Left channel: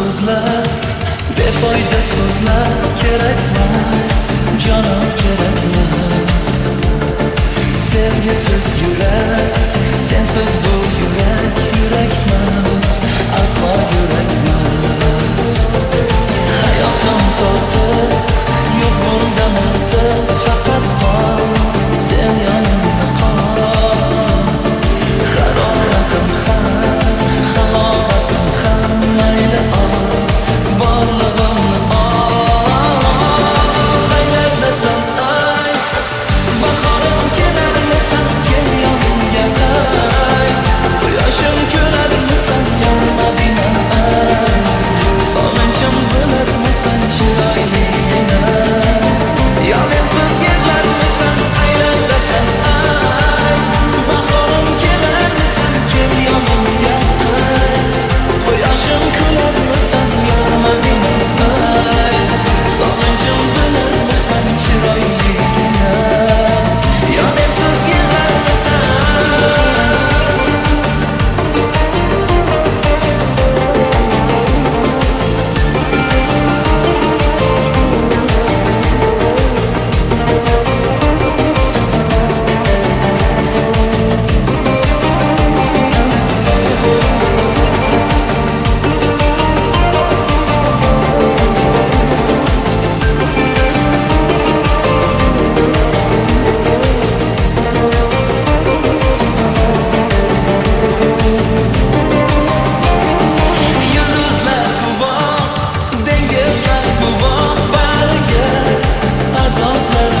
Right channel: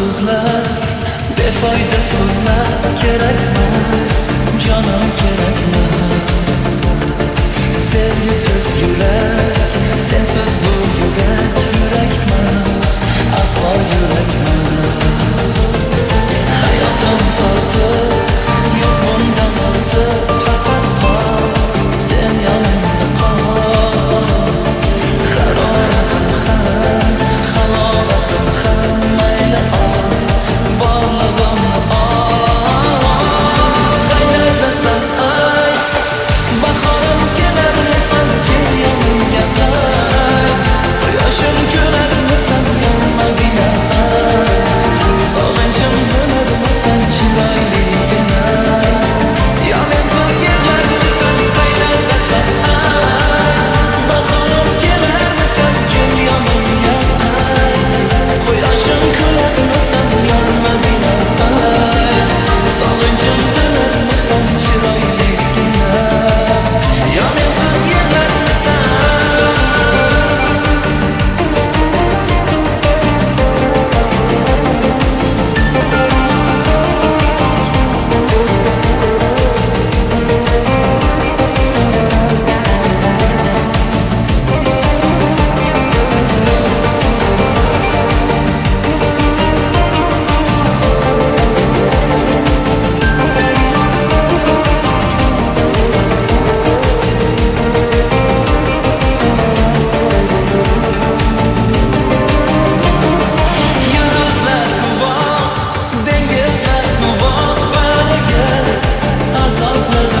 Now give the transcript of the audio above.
so'zlar, befoyda so'zlar kerakmas, jonim kerakmas. Sevgisiz yurak, sensiz bu yurak, yurakmas, aslo yurakmas. Hayotim tortiq, yo'q bundan ortiq, faqat qol, sen yonimda qol. Haroratim ham, halovatim ham, mayli ol, borlig'imni ol. Qaynatasan ay, bahorim kelarmisan, kel yonimga qay. Quyoshim ko'rarmisan, yormading ay. Sog'inchim bo'larmisan, chiroyligina. Yo mensiz yig'larmisan, qaynatasan ay. Bahorim kelarmisan, kel yonimga qay. Quyoshim ko'rarmisan, yormading ay. Sog'inchim bo'larmisan, chiroyligina. Yo mensiz yig'larmisan. Yulduzlar guvoh, dengizlar guvoh, bariga azoblar